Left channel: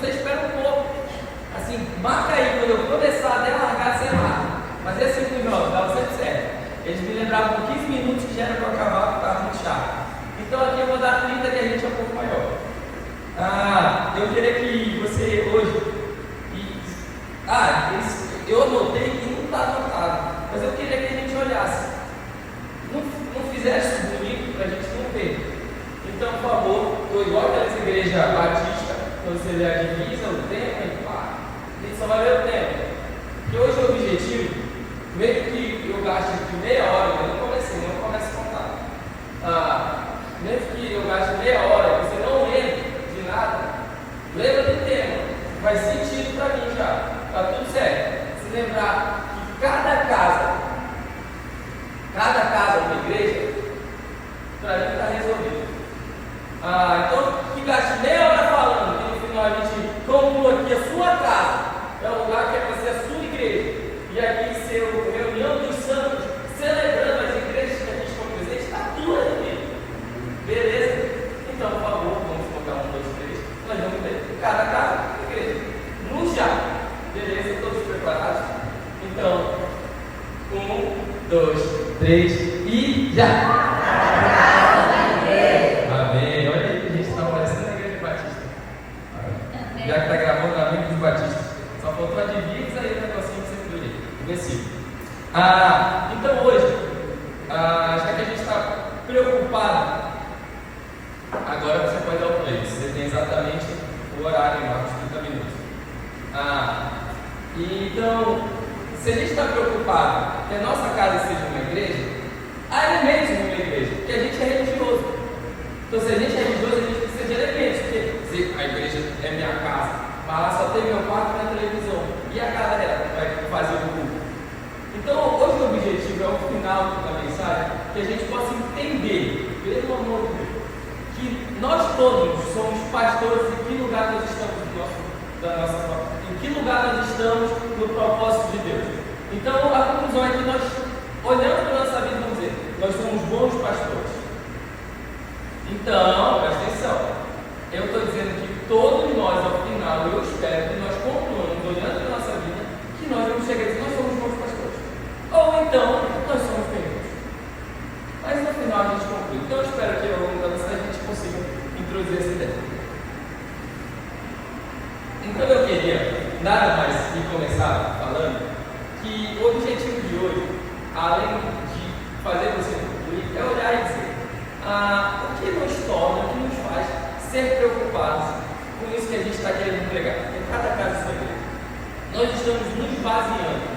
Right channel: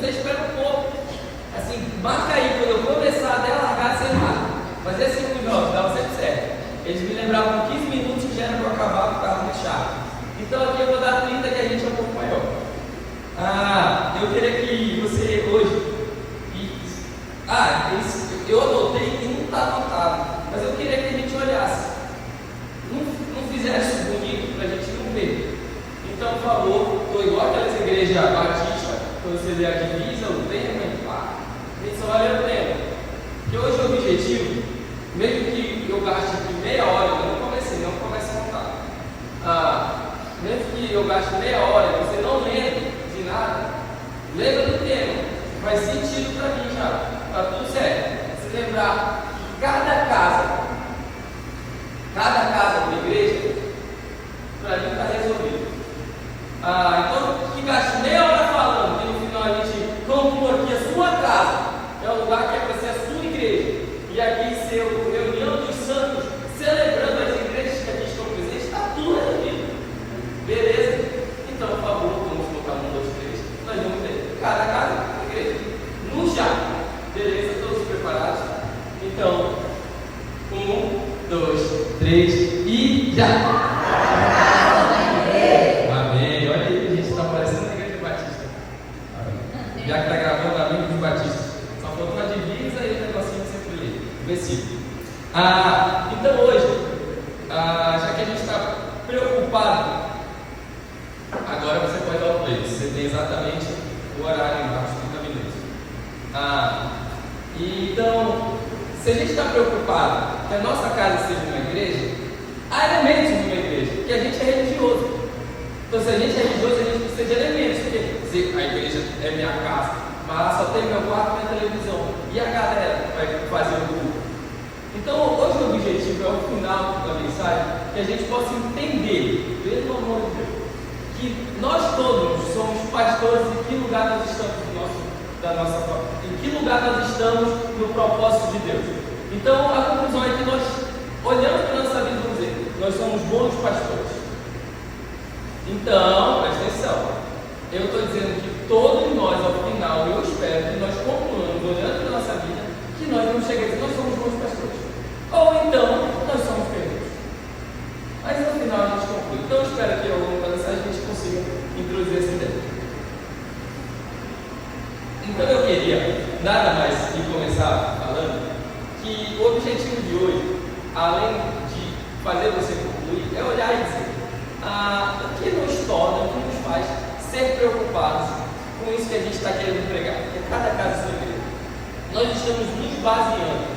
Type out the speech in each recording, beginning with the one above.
você espera um pouco. Assim, marca aí, quando eu começar até largar, você marca. Mas esses 5 jogos dava sempre certo. Eles me lembravam 15 minutos que já era para acabar, porque estava muito chato. Então aqui eu vou dar 30, que a gente é um pouco maior. Eu queria que você hoje. Eu anotei e não está anotado. Mas eu queria que a gente olhasse. Não fizesse bonito para a gente não ver. Então, por favor, estou igual aquela igreja batista, quando você vê a divisa, o tema e pá. A gente só vai ver o tema. Que hoje o objetivo, mesmo que eu gaste de meia hora, eu não comecei a contar. Mesmo que eu gaste meia hora e você não lembre de nada, lembra do tema. Faz sentido para mim já. Está tudo certo. Se lembrar que cada casa da igreja, para mim está resolvido. Então, que gaste meia hora falando, e no final a gente conclua aqui a sua casa é o lugar que é para ser a sua igreja, e aqui ser a reunião dos santos, celebrando as igrejas que aqui estão presentes, está tudo resolvido. Beleza? Então, por favor, vamos colocar 1, 2, 3. Nós vamos ter cada casa da igreja. No já. Beleza? Todos preparados? Então, 1, 2, 3 e já! Amém. Olha aí, a gente está parecendo a igreja batista. Já que está gravando a igreja batista. Só faltou a divisa e o negocinho de sempre ali. O versículo. Então hoje, já que a gente está preocupado, agora você pode dar o play. Você tem exatamente o horário embaixo, 30 minutos. Então, se a gente está preocupado que a nossa casa seja uma igreja, há elementos de uma igreja, que a gente é religioso. Então, se a gente é religioso, a gente precisa de elementos. Porque se a igreja é minha casa, mas lá só tem meu quarto e minha televisão, e a galera vai fazer o culto. Então, hoje o objetivo é o final da mensagem, que a gente possa entender, pelo amor de Deus, que nós todos somos pastores e que lugar nós estamos da nossa família. Em que lugar nós estamos no propósito de Deus? Então, a conclusão é que nós, olhando para a nossa vida, vamos dizer, nós somos bons pastores. Então, presta atenção. Eu estou dizendo que todos nós, ao final, eu espero que nós concluamos, olhando para a nossa vida, que nós vamos chegar a dizer que nós somos bons pastores. Ou então, nós somos ferreiros. Mas, ao final, a gente conclui. Então, eu espero que, ao longo da mensagem, a gente consiga introduzir essa ideia. Então eu queria nada mais que começar falando que o objetivo de hoje, além de fazer você concluir, é olhar e dizer o que nos torna, o que nos faz ser preocupados com isso que a gente está querendo pregar, porque cada casa é sua igreja. Nós estamos nos baseando,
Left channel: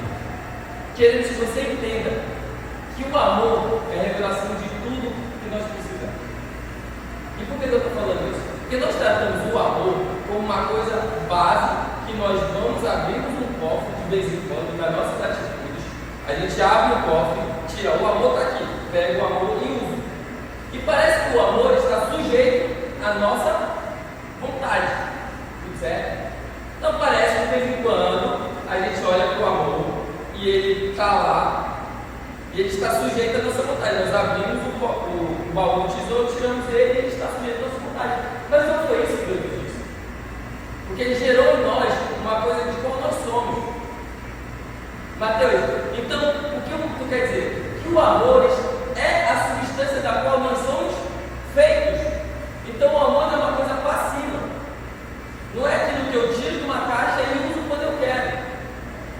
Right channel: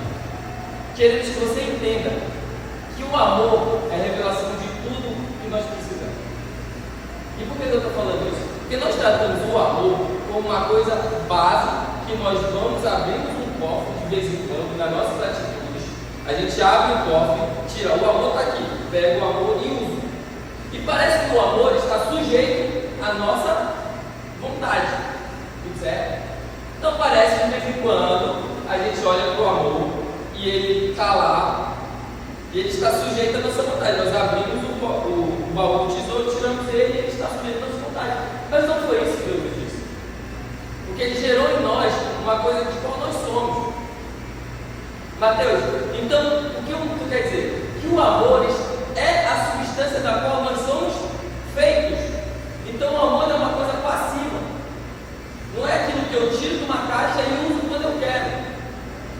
querendo que você entenda que o amor é a revelação de tudo que nós precisamos. E por que eu estou falando isso? Porque nós tratamos o amor como uma coisa base que nós vamos abrir um cofre de vez em quando nas nossas atitudes. A gente abre o cofre, tira, o amor está aqui, pega o amor e usa. E parece que o amor está sujeito à nossa vontade, certo? Então parece que de vez em quando a gente olha para o amor e ele está lá e ele está sujeito à nossa vontade. Nós abrimos o baú do tesouro, tiramos ele e ele está sujeito à nossa vontade. Mas não foi isso que Deus disse. Porque Ele gerou em nós uma coisa de como nós somos. Mateus, então, o que quer dizer? Que o amor é a substância da qual nós somos feitos. Então, o amor não é uma coisa passiva. Não é aquilo que eu tiro de uma caixa e uso quando eu quero.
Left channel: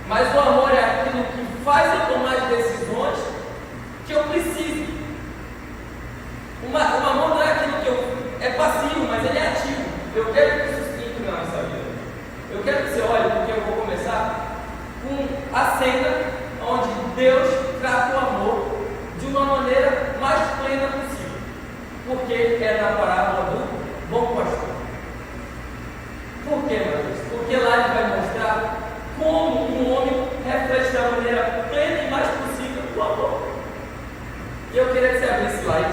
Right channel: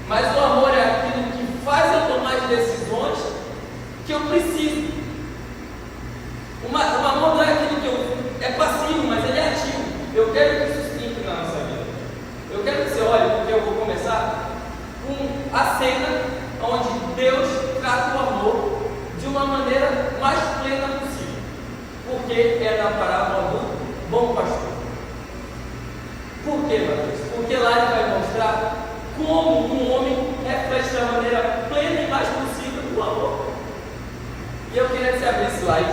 Mas o amor é aquilo que faz eu tomar as decisões que eu preciso. O amor não é aquilo que é passivo, mas ele é ativo. Eu quero que isso se entre na nossa vida. Eu quero que você olhe, porque eu vou começar com a cena onde Deus trata o amor de uma maneira mais plena possível. Porque é na parábola do bom pastor. Por quê, Mateus? Porque lá ele vai mostrar como um homem reflete da maneira plena e mais possível o amor. E eu queria que você abrisse lá em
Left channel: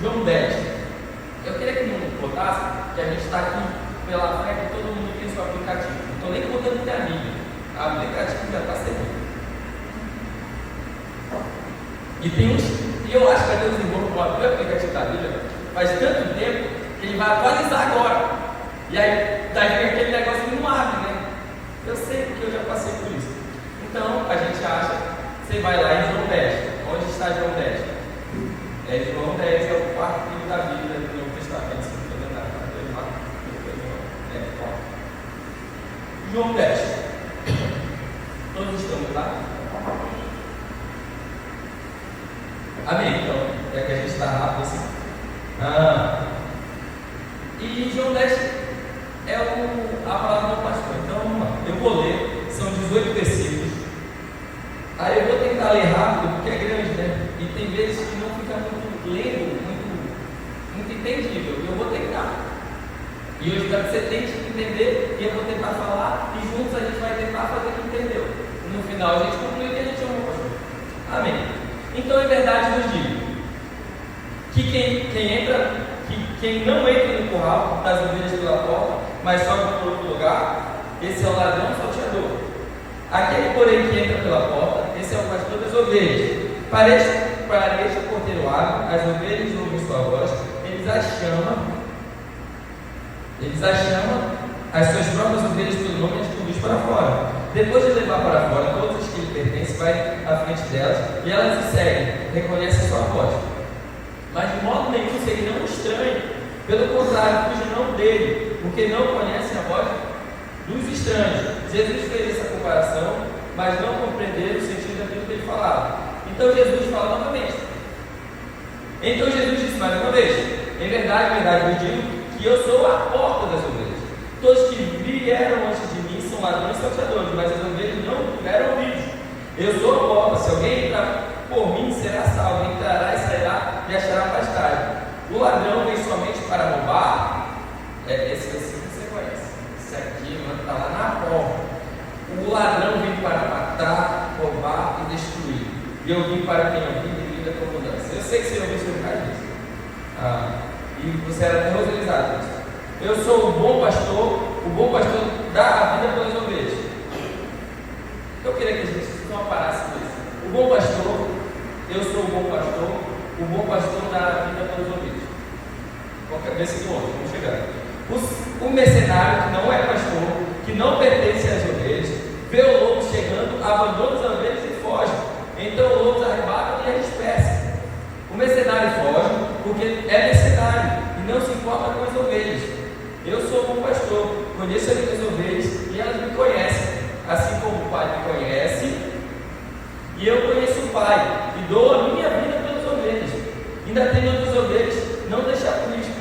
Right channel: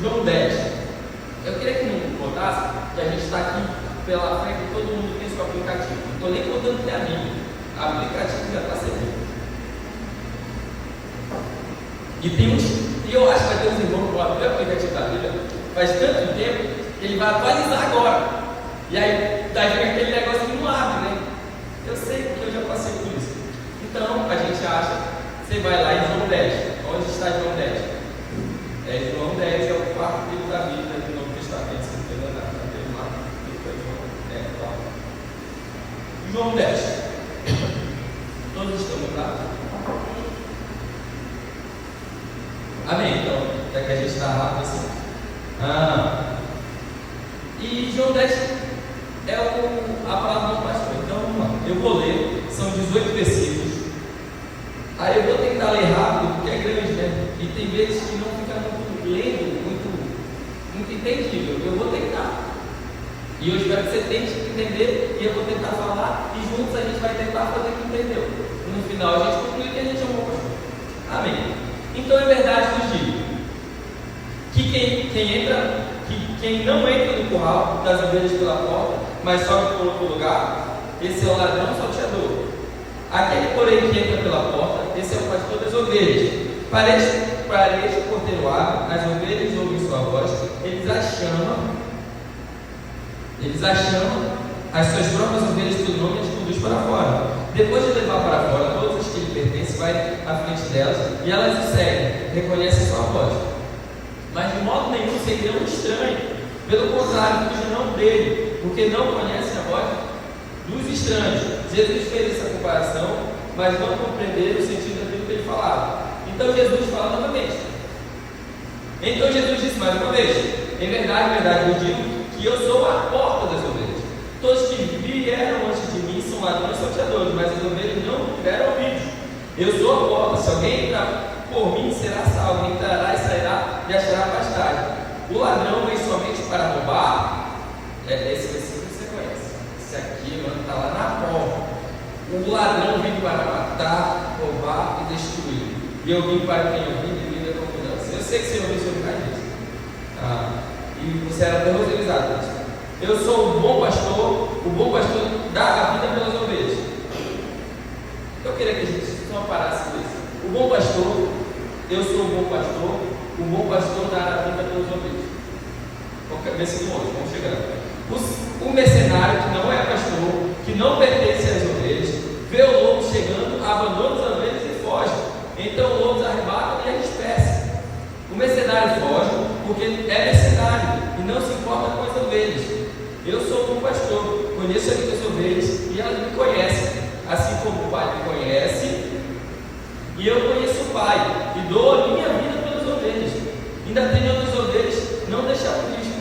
João 10. Eu queria que não botasse, que a gente está aqui pela frente e todo mundo tem seu aplicativo. Não estou nem contando que é a Bíblia. O aplicativo já está servindo. E eu acho que vai ter uns irmãos que vão abrir o aplicativo da Bíblia faz tanto tempo que ele vai atualizar agora. E aí, Daí aquele negócio que não abre, né? Eu sei porque eu já passei por isso. Então, a gente acha, você vai lá em João 10. Onde está João 10? João 10 é o quarto livro da Bíblia do Novo Testamento, se não me engano, João 10. Todos estamos lá? Amém? Então, é que a gente está rápido assim. E João 10 é a palavra do pastor. Então, vamos lá. Eu vou ler, são 18 versículos. Aí eu vou tentar ler rápido, porque é grande, né? E tem vezes que não fica muito lendo, muito entendível. Eu vou tentar. E eu espero que você tente entender, e eu vou tentar falar, e juntos a gente vai tentar fazer o que entendeu. No final a gente conclui que a gente amou o pastor. Amém. Então é verdade, nos digo que quem não entra no curral das ovelhas pela porta, mas sobe por outro lugar, esse é o ladrão salteador. Aquele, porém, que entra pela porta, esse é o pastor das ovelhas. Para este o porteiro abre, as ovelhas ouvem sua voz, eles as chamam, as suas próprias ovelhas pelo nome e conduz para fora. Depois de levar para fora todos os que lhe pertencem, vai à frente delas e elas o seguem, reconhecem sua voz. Mas de modo nenhum seguirão um estranho, pelo contrário, fugirão dele, porque não conhecem a voz dos estranhos. Jesus fez essa comparação, mas não compreenderam o sentido daquilo que ele falava. Então Jesus fala novamente. Então Jesus disse mais uma vez: em verdade, eu digo que eu sou a porta das ovelhas. Todos que vieram antes de mim são ladrões e salteadores, mas as ovelhas não tiveram ouvidos. Eu sou a porta. Se alguém entrar por mim, será salvo. Entrará e sairá e achará pastagem. O ladrão vem somente para roubar. Esse versículo você conhece. Esse aqui, mano, está lá na porta. O ladrão vem para matar, roubar e destruir. E eu vim para quem eu vim e vida com mudança. Eu sei que você ouviu sobre isso. E você era terrorizado. Eu sou o bom pastor dá a vida pelas ovelhas. Eu queria que a gente só parasse com isso. O bom pastor, eu sou o bom pastor dá a vida pelas ovelhas. Versículo 11, vamos chegar. O mercenário que não é pastor, que não pertence às ovelhas, vê o lobo chegando, abandona as ovelhas e foge. Então o lobo os arrebata e as dispersa. O mercenário foge porque é mercenário e não se importa com as ovelhas. Eu sou o bom pastor, conheço as minhas ovelhas e elas me conhecem, assim como o Pai me conhece e eu conheço o Pai e dou a minha vida pelas ovelhas. Ainda tenho outras ovelhas, não deixar por risco.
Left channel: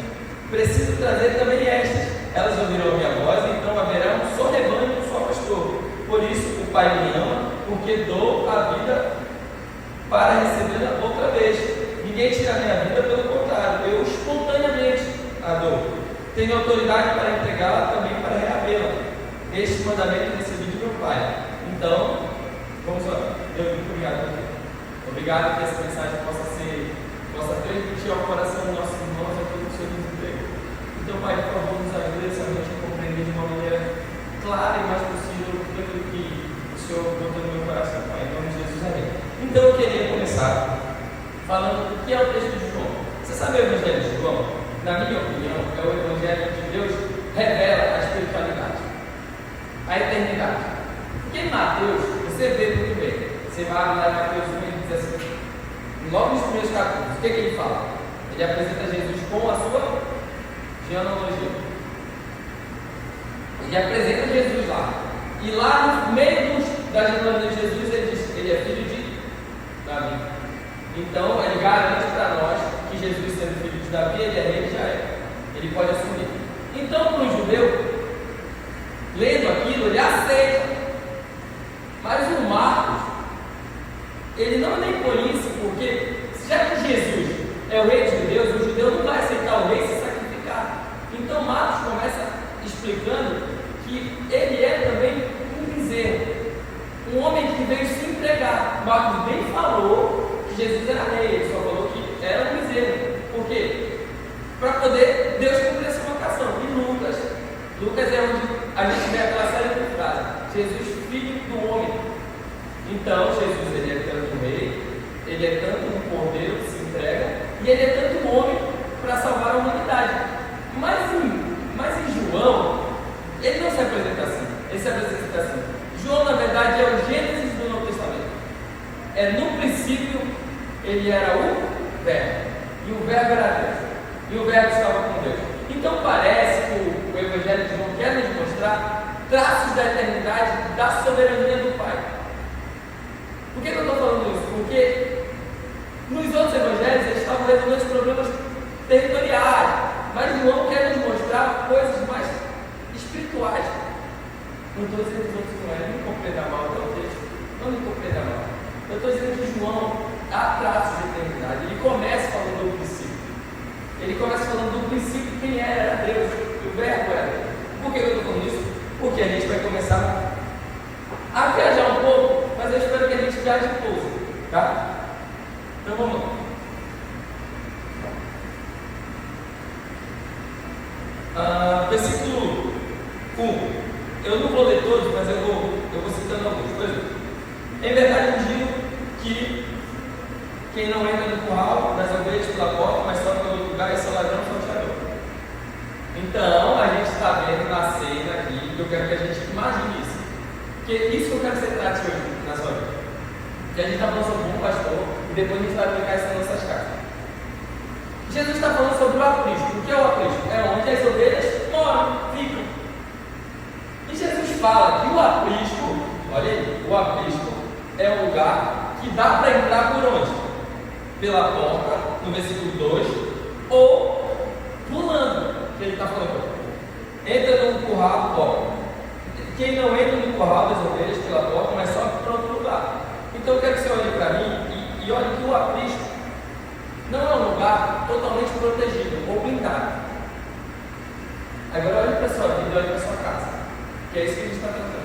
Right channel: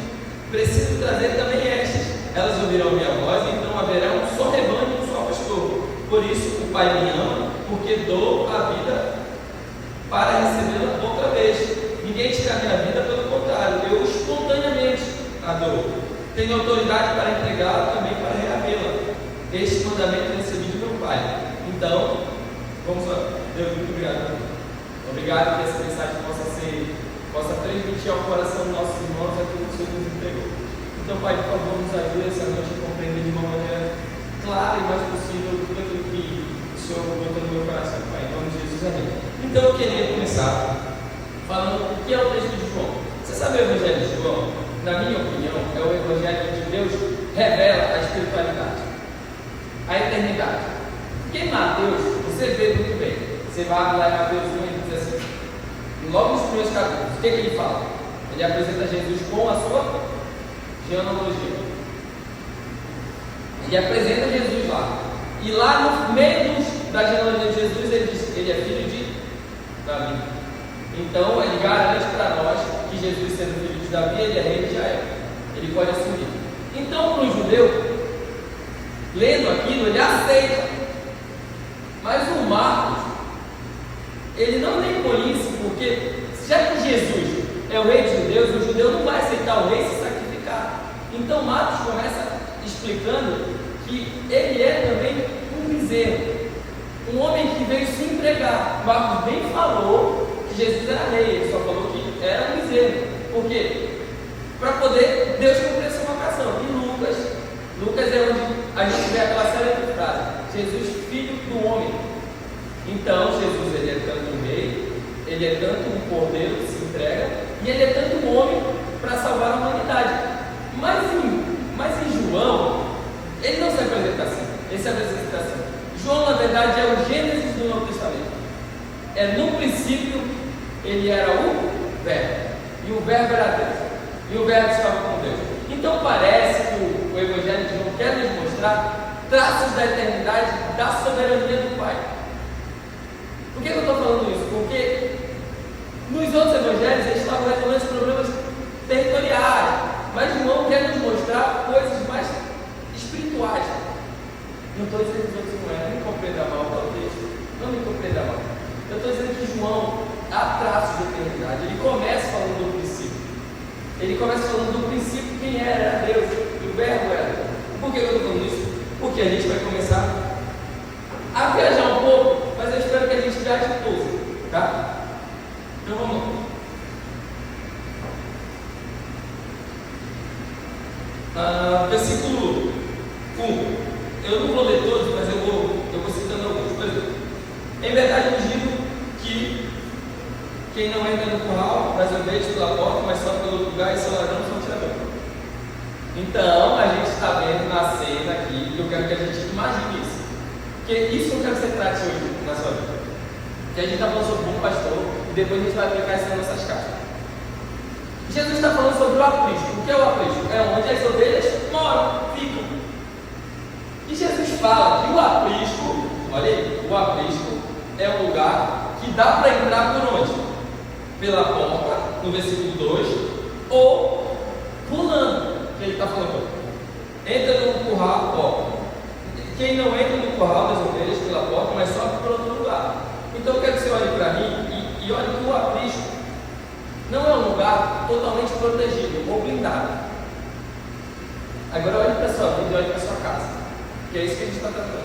Preciso trazer também estas. Elas ouvirão a minha voz, então haverá um só rebanho e um só pastor. Por isso o Pai me ama, porque dou a vida para recebê-la outra vez. Ninguém tira a minha vida, pelo contrário, eu espontaneamente a dou. Tenho autoridade para entregá-la, também para reavê-la. Este mandamento recebi de meu Pai. Então, vamos lá. Deus, muito obrigado. Obrigado que essa mensagem possa transmitir ao coração dos nossos irmãos aquilo que o Senhor nos entregou. Então, Pai, por favor, nos ajude essa noite a compreender de uma maneira clara e mais possível tudo aquilo que o Senhor botou no meu coração, Pai. Em nome de Jesus, amém. Então, eu queria começar falando o que é o texto de João. Você sabe o Evangelho de João? Na minha opinião, é o Evangelho que Deus revela a espiritualidade, a eternidade. Porque em Mateus, você vê muito bem. Você vai lá em Mateus 1 e diz assim, logo nos primeiros capítulos, o que ele fala? Ele apresenta Jesus com a sua genealogia. Ele apresenta Jesus lá. E lá no meio da genealogia de Jesus, ele diz que ele é filho de Davi. Então, ele garante para nós que Jesus, sendo filho de Davi, ele é rei de Israel. Ele pode assumir. Então, para o judeu, lendo aquilo, ele aceita. Mas o Marcos, ele não nem põe isso, porque já que Jesus é o rei dos judeus, o judeu não vai aceitar o rei se sacrificar. Então, Marcos começa explicando que ele é também um bezerro, um homem que veio se entregar. Marcos nem falou que Jesus era rei, ele só falou que era um bezerro. Por quê? Para poder Deus cumprir essa vocação. E Lucas é onde a gente vê aquela série do cara, Jesus, filho do homem. Então, Jesus, ele é tanto um rei, ele é tanto um cordeiro que se entrega, e ele é tanto um homem para salvar a humanidade. Mas em João, No princípio, ele era o Verbo, e o Verbo era Deus, e o Verbo estava com Deus. Então parece que o Evangelho de João quer nos mostrar traços da eternidade, da soberania do Pai. Por que eu estou falando isso? Porque nos outros evangelhos eles estavam resolvendo os problemas territoriais, mas João quer nos mostrar coisas mais espirituais. Não estou dizendo que você não é, não compreenda mal o texto, não me compreenda mal. Eu estou dizendo que João há traços de eternidade. Ele começa falando do princípio. Ele começa falando do princípio, quem era Deus, o Verbo era Deus. Por que eu estou falando isso? Porque a gente vai começar a viajar um pouco, mas eu espero que a gente viaje um pouco, tá? Então vamos lá. Versículo 1. Eu não vou ler todos, mas eu vou citando algumas coisas. Em verdade eu digo que quem não entra no curral, nas ovelhas pela porta, mas só pelo lugar, esse é ladrão salteador. Então, a gente está vendo uma cena aqui, que eu quero que a gente imagine isso. Porque isso eu quero que você trate hoje na sua vida. Que a gente está falando sobre um pastor, e depois a gente vai aplicar isso nas nossas caixas. Jesus está falando sobre o aprisco. O que é o aprisco? É onde as ovelhas moram, ficam. E Jesus fala que o aprisco, olha aí, o aprisco é um lugar que dá para entrar por onde? Pela porta, no versículo 2, ou pulando, que ele está falando. Entra no curral, ó. Quem não entra no curral das ovelhas pela porta, mas sobe para outro lugar. Então eu quero que você olhe para mim e olhe que o aprisco não é um lugar totalmente protegido ou blindado. Agora olhe para a sua vida e olhe para a sua casa, que é isso que a gente está tratando.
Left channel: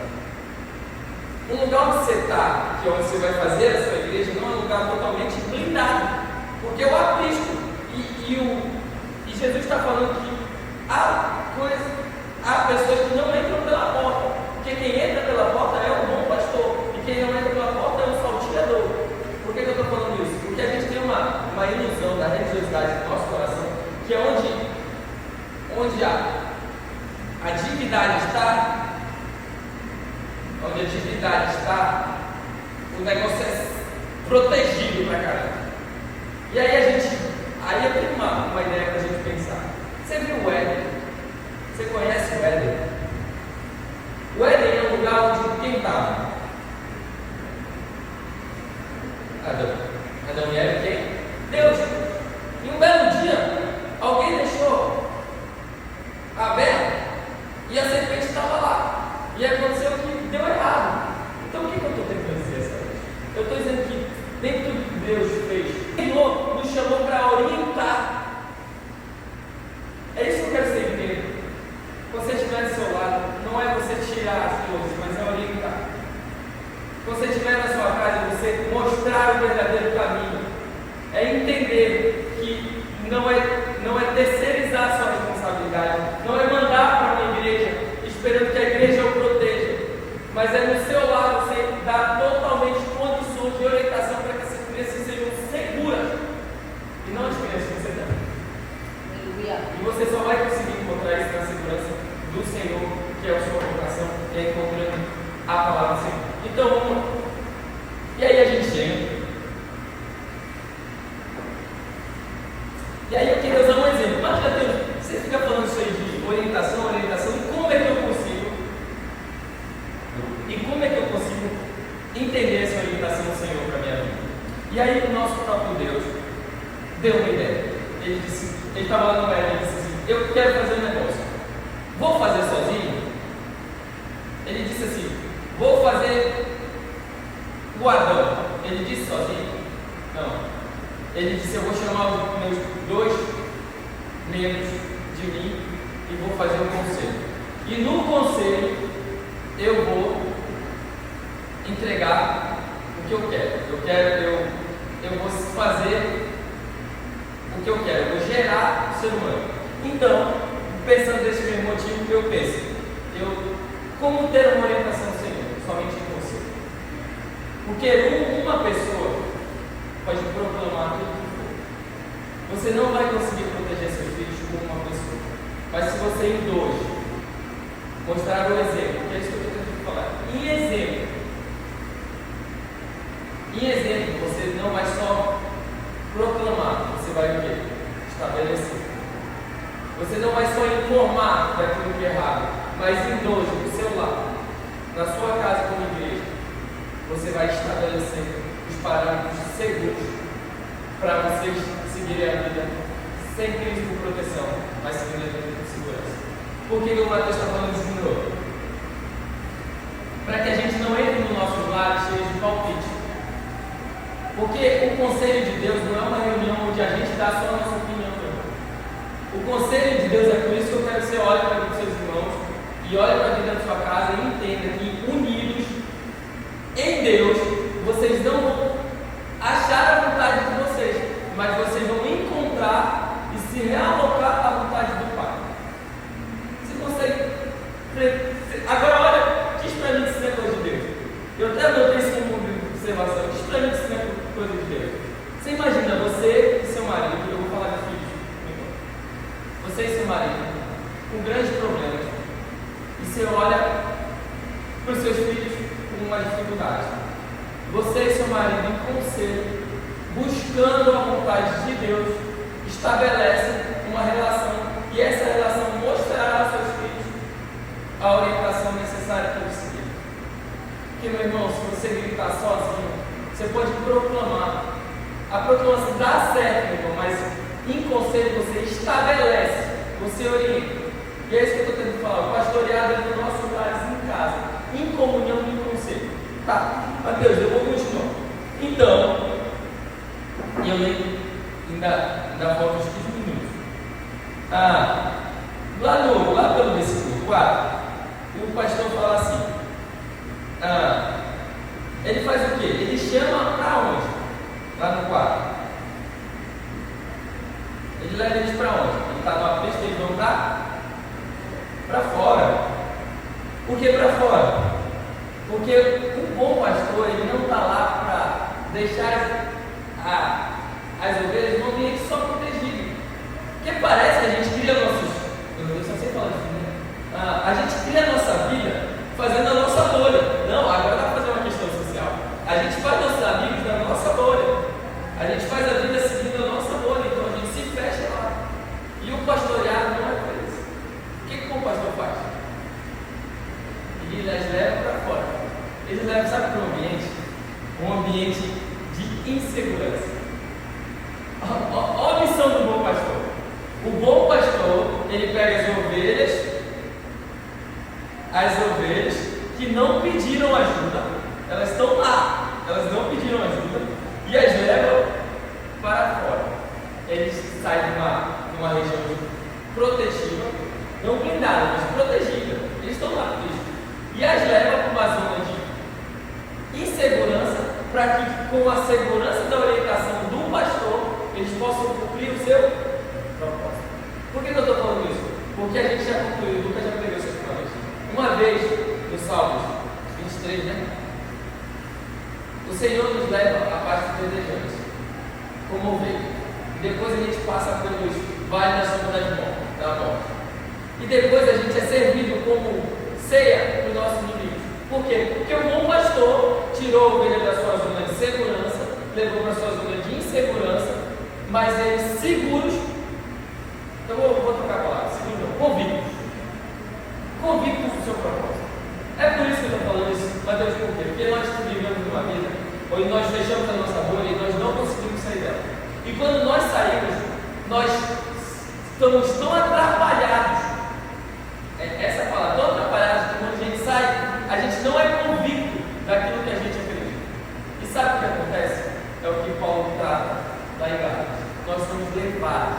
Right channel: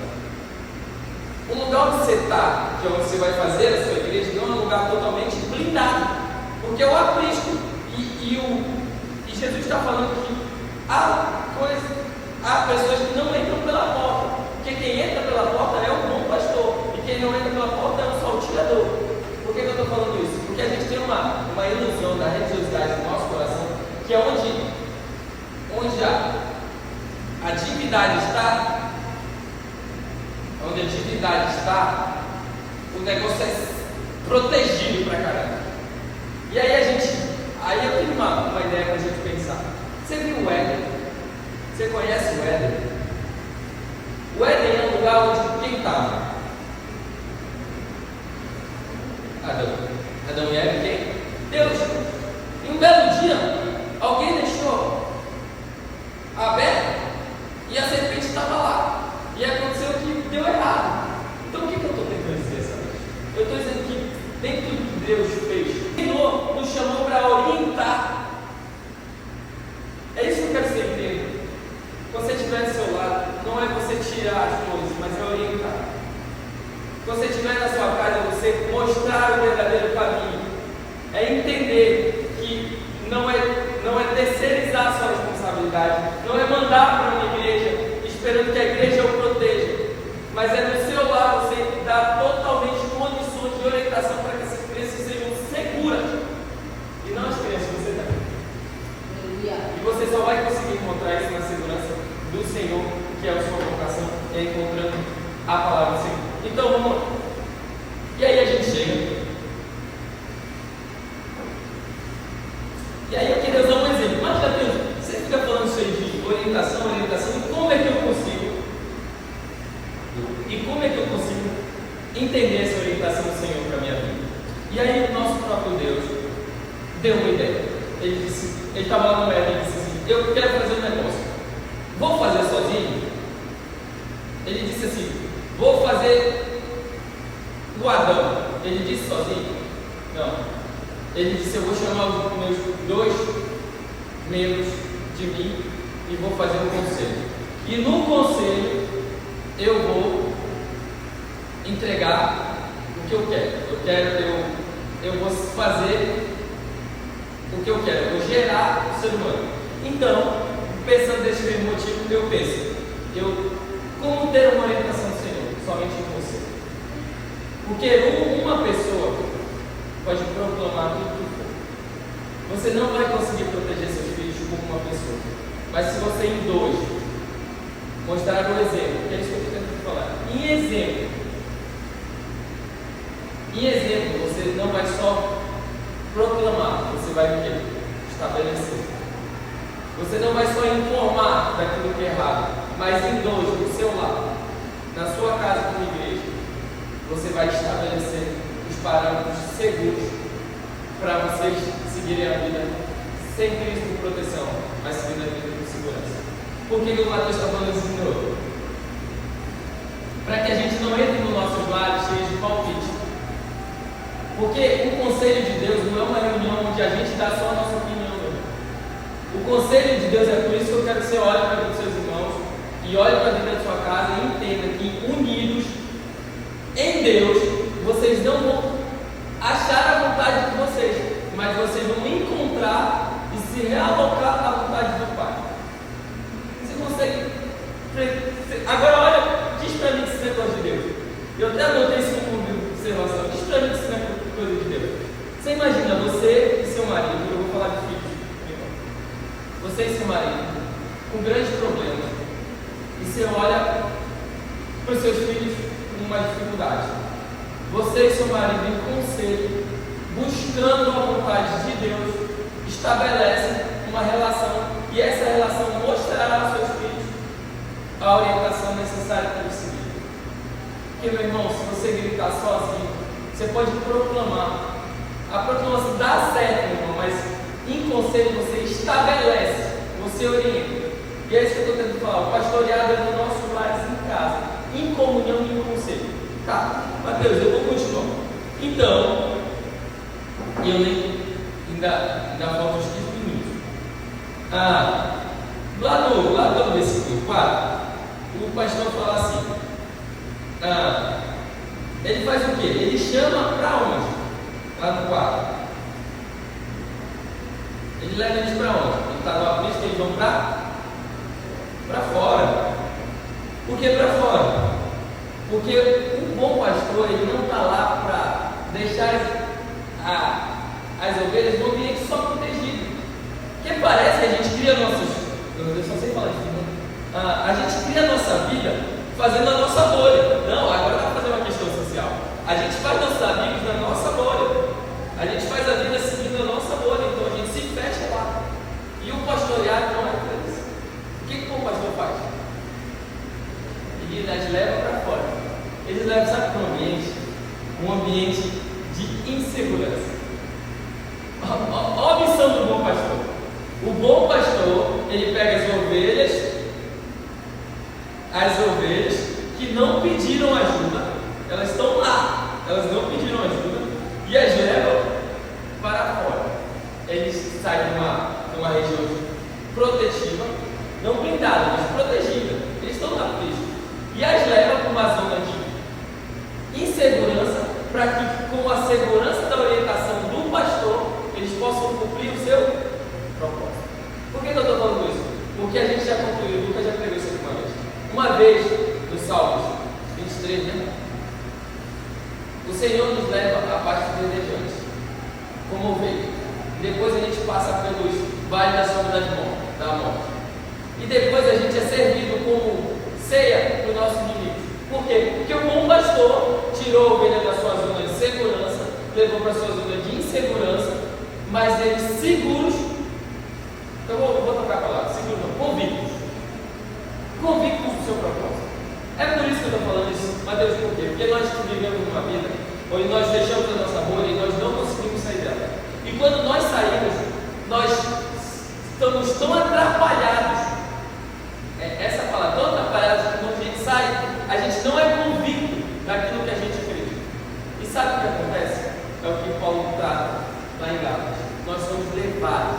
O lugar onde você está, que é onde você vai fazer a sua igreja, não é um lugar totalmente blindado, porque é o aprisco. E Jesus está falando que há pessoas que não entram pela porta, porque quem entra pela porta é o bom pastor, e quem não entra pela porta é o salteador. Por que eu estou falando isso? Porque a gente tem uma ilusão da religiosidade no nosso coração, que é onde a divindade está. Onde a divindade está, o negócio é protegido pra caramba. E aí eu tenho uma ideia pra gente pensar. Você viu o Éden? Você conhece o Éden? O Éden é um lugar onde quem estava? Adão e Eva, quem? Deus. E um belo dia, alguém deixou aberto e a serpente estava lá. E aconteceu que deu errado. Então o que eu estou tentando dizer essa vez? Eu estou dizendo que dentro do que Deus fez, Senhor nos chamou para orientar. É isso que eu quero que você entenda. Quando você estiver do seu lado, não é você tirar as coisas, mas é orientar. Quando você estiver na sua casa, você mostrar o verdadeiro caminho. É entender que não é terceirizar a sua responsabilidade, não é mandar para uma igreja esperando que a igreja o proteja, mas é no seu lado você dar totalmente condições de orientação para que essas crianças sejam seguras, e não as crianças que você dá. E você só vai conseguir encontrar isso na segurança do Senhor, que é a sua vocação, é encontrando a palavra do Senhor. Então vamos lá. E aí a gente chega. E aí eu queria usar um exemplo. Imagina, Deus, você fica falando isso aí de orientação, e como é que eu consigo entender essa orientação do Senhor para a minha vida? E aí o nosso próprio Deus deu uma ideia. Ele estava lá no Éden e disse assim: eu quero fazer um negócio. Vou fazer sozinho? Ele disse assim: vou fazer o Adão. Ele disse sozinho? Não. Ele disse: eu vou chamar os meus 2 membros de mim e vou fazer um conselho. E no conselho eu vou entregar o que eu quero. Eu vou fazer o que eu quero. Eu vou gerar o ser humano. Então, pensando desse mesmo motivo, eu penso: como ter uma orientação do Senhor? Somente em você. Porque uma pessoa pode proclamar tudo que for. Você não vai conseguir proteger seus filhos como uma pessoa. Mas se você em 2 mostrar o exemplo, que é isso que eu estou tentando falar, em exemplo, Em exemplo, você não vai só proclamar, você vai o quê? Estabelecer. Você não vai só informar daquilo que é errado, mas em dois, do seu lado, na sua casa como igreja, você vai estabelecer os parâmetros seguros para vocês seguirem a vida sem crise de proteção, mas seguindo a vida de segurança. Por que o Mateus está falando isso de novo? Para que a gente não entre nos nossos lares cheios de palpite. Porque o conselho de Deus não é uma reunião onde a gente dá só a nossa opinião. Não. O conselho de Deus é por isso que eu quero que você olhe para a vida dos seus irmãos e olhe para a vida da sua casa e entenda que unidos em Deus, vocês não vão achar a vontade de vocês, mas vocês vão encontrar e se realocar à vontade do Pai. Você consegue... Agora olha, diz para mim que isso não é coisa de Deus. Eu até anotei isso como observação. Diz para mim que isso não é coisa de Deus. Você imagina você e seu marido, eu vou falar de filhos, você e seu marido, com grandes problemas, e você olha para os seus filhos com uma dificuldade. Você e seu marido, em conselho, buscando a vontade de Deus, estabelecem uma relação, e essa relação mostrará aos seus filhos a orientação necessária para eles seguirem. Porque, meu irmão, se você gritar sozinho, você pode proclamar. A proclamação dá certo, meu irmão, mas em conselho você estabelece, você orienta. E é isso que eu estou tentando falar. O pastoreado é no nosso lar em casa, em comunhão e em conselho. Tá, Mateus, eu vou continuar. Então, eu nem ainda faltam uns 15 minutos. Lá pelo versículo 4, o pastor fala assim: ele faz o quê? Ele chama para onde? Lá no 4. Ele leva eles para onde? Ele está no aprisco, eles vão para fora. Por que para fora? Porque o bom pastor, ele não está lá para deixar as ovelhas num ambiente só protegido. Porque parece que a gente cria nossos... Eu só sei falar disso, né? A gente cria a nossa vida fazendo a nossa bolha. Não, agora dá para fazer uma questão social. A gente faz nossos amigos na nossa bolha. A gente faz a vida seguindo a nossa bolha. Então a gente se fecha lá. E o pastoreado não é para isso. O que o pastor faz? Ele as leva para fora. Ele leva, sabe, para um ambiente? Um ambiente de insegurança. Olha a missão do bom pastor. O bom pastor, ele pega as ovelhas que não pediram ajuda, elas estão lá, elas não pediram ajuda, e as leva para fora. Eles saem de uma região protetiva, não blindada, mas protegida. Eles estão lá por isso. E as leva para uma zona de insegurança, para que, com a segurança da orientação do pastor, eles possam cumprir o seu propósito. Por que eu estou falando isso? Porque a gente já concluiu, o Lucas já pregou isso uma vez. Uma vez, no Salmos 23, né? O Senhor nos leva à parte verdejante, como ovelha. Depois a gente passa pelos vales da sombra da morte. E depois a gente é servido como ceia para o nosso inimigo. Por quê? Porque o bom pastor tirou a ovelha da sua zona de segurança, levou para a sua zona de insegurança, mas eles seguros. Então eu vou trocar a palavra, seguros não, convictos do seu propósito. É por isso que eu estou falando isso, mas Deus, por quê? Porque nós vivemos numa vida onde nós fechamos a nossa bolha e nós não conseguimos sair dela. E quando nós saímos, nós estamos tão atrapalhados. Essa palavra, tão atrapalhados que quando a gente sai, a gente não é convicto daquilo que a gente acredita. E sabe o que acontece? É o que Paulo trata lá em Gálatas. Nós somos levados